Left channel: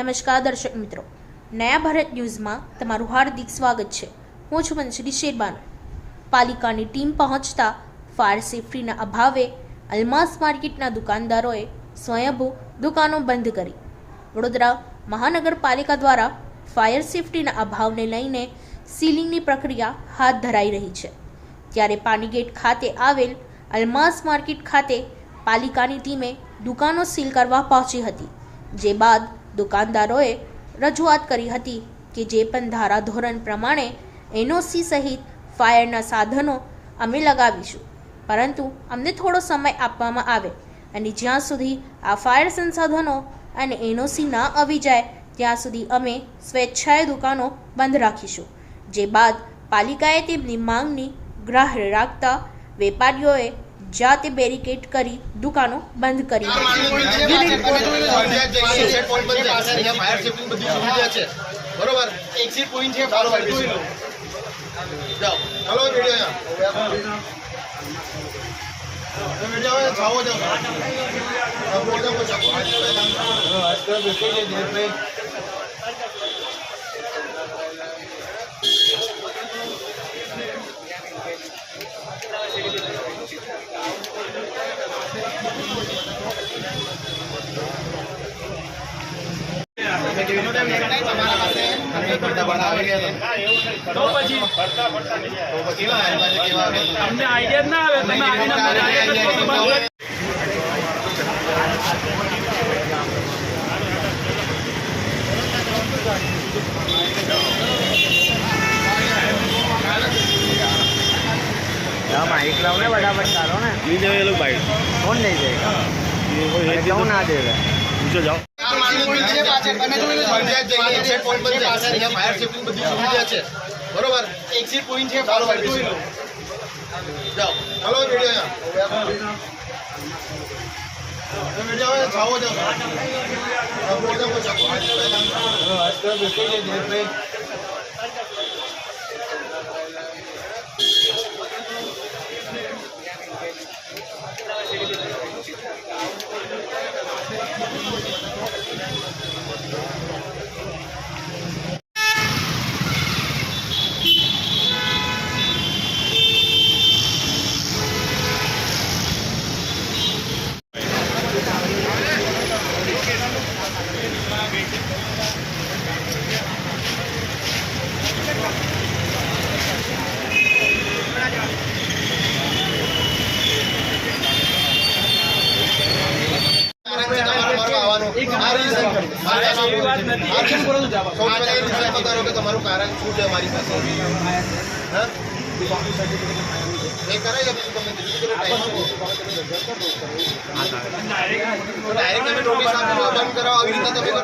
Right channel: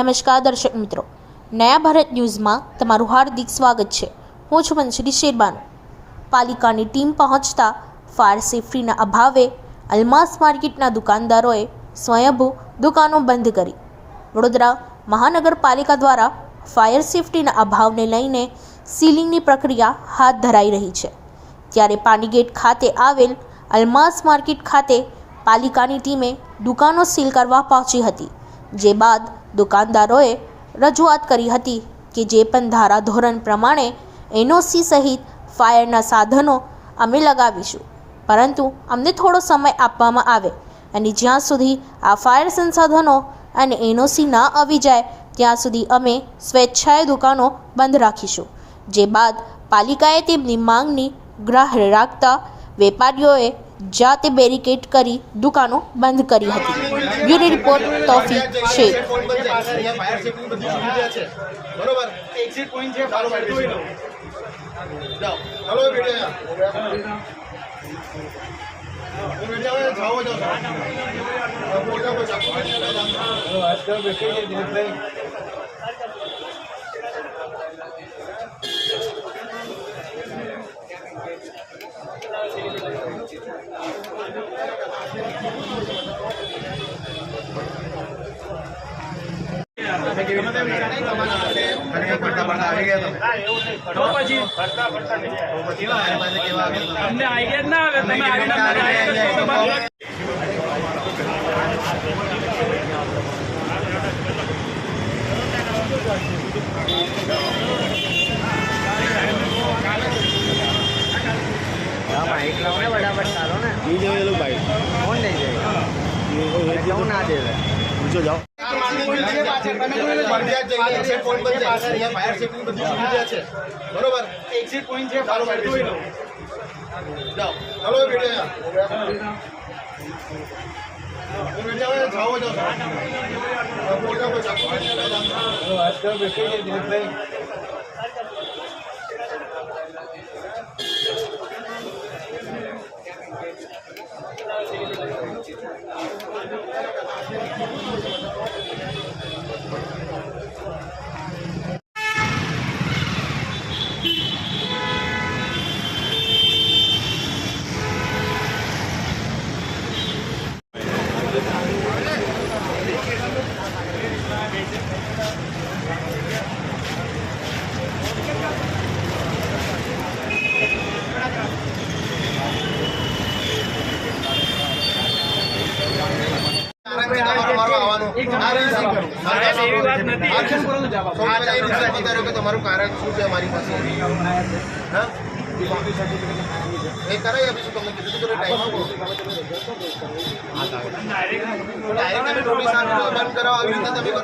નમસ્કાર દર્શક મિત્રો, નયા ભારત ન્યૂઝમાં તમારું હાર્દિક સ્વાગત છે। હું છું મંસરી શેરબાનો। પાલિકાની ટીમ પહોંચતા ફાયર સેફટીના અભાવે અલમાસ માર્કેટના દુકાનદારોએ સ્વયંભૂ દુકાનો બંધ કરી। વડોદરા મહાનગરપાલિકા દ્વારા ફાયર સેફટીના અભાવને લઈને સીલિંગની પ્રક્રિયા હાથ ધરાઈ રહી છે, ત્યારે પાણીગેટ ખાતે આવેલ અલમાસ માર્કેટ ખાતે પાલિકાની ટીમે દુકાનો સીલ કરવા પહોંચી હતી, જે બાદ દુકાનદારોએ રજૂઆત કરી હતી કે જે પણ ધારાધોરણ પ્રમાણે એનઓસી સહિત ફાયરના સાધનો અમે લગાવીશું, પરંતુ અમને થોડો સમય આપવામાં આવે અને જ્યાં સુધી આ ફાયર સંસાધનો અને એનઓસી ના આવી જાય ત્યાં સુધી અમે સ્વેચ્છાએ દુકાનો બંધ રાખીશું। જે બાદ પાલિકાએ તેમની માંગની ગ્રાહ્ય રાખતા વેપારીઓએ જાતે બેરિકેડ કરી દુકાનો બંધ કરી હતી। Bureau report Taufiq Shaikh. Fire safety બધી સુવિધા છે, બરોબર। એક્ઝિટ પોઈન્ટ છે, બરોબર। જાઓ, હાલો વિડિયો જાઓ જાઓ આજકાલ બેઠે છે ભાઈ। पूछो जाओ फायर सेफ्टी बधी सुविधा है, बरोबर। एग्जिट पॉइंट है, बरोबर। जाओ, हेलो वीडियो जाओ जाओ आजकल बैठे हैं भाई। તમારું કારણ શું છે અમારી પાસે? હા, એ કરાય આપીશું તમને, કીધું તો ટાઈમ આપો। ડાયરેક્ટ તમે નોટિસ આપી દો, બંધ કરાવો, આવી રીતે તમે કરો।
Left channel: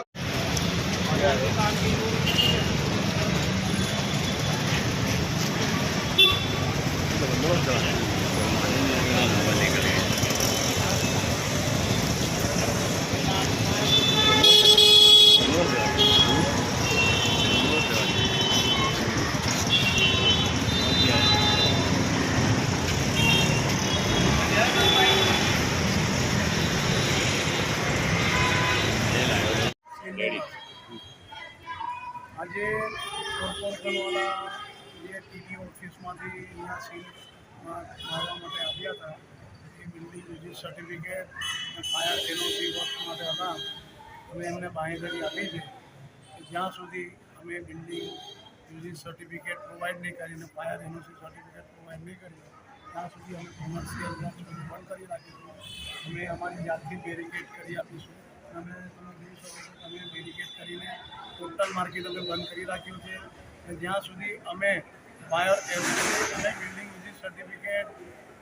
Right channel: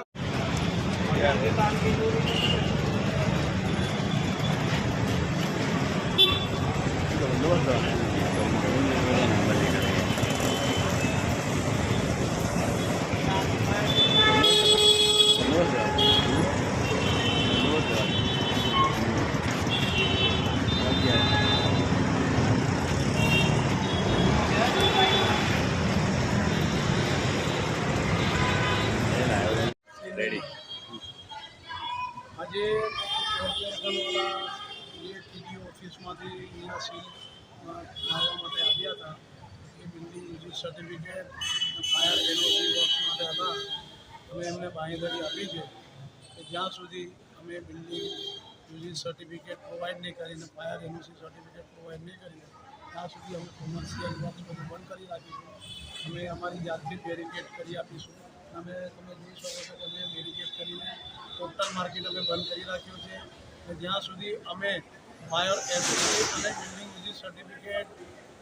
આજે કોર્પોરેશનવાળા જે ટીડીઓ ઓફિસમાંથી અહીંયા સીલ મારવા માટે આવ્યા હતા, એ building visit certificate fire NOC work માટે હતા। અમે એમને બાંહેધરી આપી છે કે જ્યાં સુધી અમે બિલ્ડિંગ વિઝિટ સર્ટિફિકેટ પ્રોવાઈડ નહીં કરીને ફાયર એનઓસી સર્ટિફિકેટ પ્રોવાઈડ નહીં કરીએ ત્યાં સુધી અમે કોમર્શિયલ વર્ક્સ બધું બંધ કરી રાખીશું। અમે અમારી જાતથી બેરિકેડ કરી આપીશું। અમે તમે જોઈ શકો છો કે અમે બેરિકેડ કરીને ટોટલ માર્કેટ અમે બંધ કરી રાખ્યું છે, અને જ્યાં સુધી અમે ફાયર એફસી અને બિલ્ડિંગ વિઝિટ સર્ટિફિકેટ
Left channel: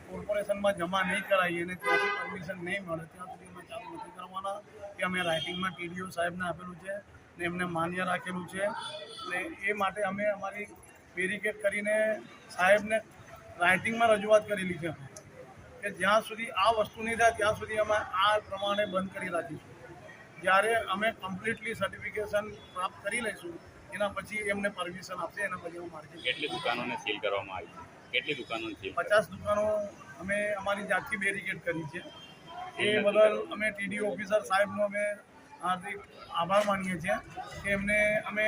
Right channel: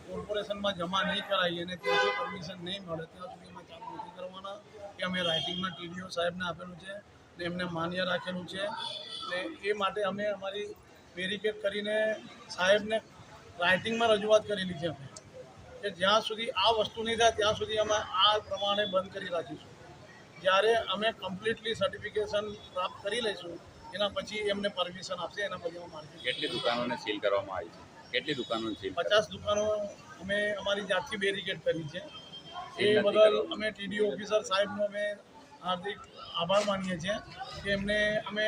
કોર્પોરેશનમાં જમા નહીં કરાવીએ અને ત્યાંથી પરમિશન નહીં મળે ત્યાં સુધી અમે ચાલુ નથી કરવાના। કે અમે રાઇટિંગમાં ટીડીઓ સાહેબને આપેલું છે ને એમને માન્ય રાખેલું છે, ને એ માટે અમે અમારી બેરિકેડ કરીને સાહેબને રાઇટિંગમાં રજૂઆત કરેલી છે કે જ્યાં સુધી આ વસ્તુ નહીં થાય ત્યાં સુધી અમે આ પ્રમાણે બંધ કરી રાખીશું। જ્યારે અમે કમ્પ્લીટલી સર્ટિફિકેશન પ્રાપ્ત કરી લઈશું એના પછી એમને પરમિશન આપશે, એના પછી હું માર્કેટ। કેટલી દુકાનોને સીલ કરવામાં આવી છે? કેટલી દુકાનો સીલ? 50 દુકાનો અમે અમારી જાતથી બેરિકેડ કરી છે। એ બદલ અમે ટીડી ઓફિસર સાહેબનો અમે હાર્દિક આભાર માનીએ છીએ કે એમને અમે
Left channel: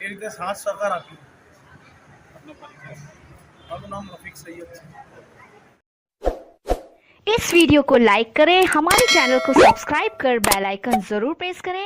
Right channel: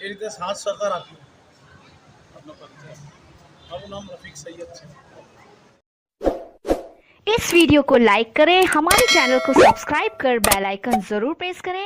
એ રીતે સાથ સહકાર આપ્યો. આપનો પરિચય? મારું નામ રફીક સૈયદ છે. इस वीडियो को लाइक करें, हमारे चैनल को सब्सक्राइब कर बेल आइकन जरूर प्रेस करें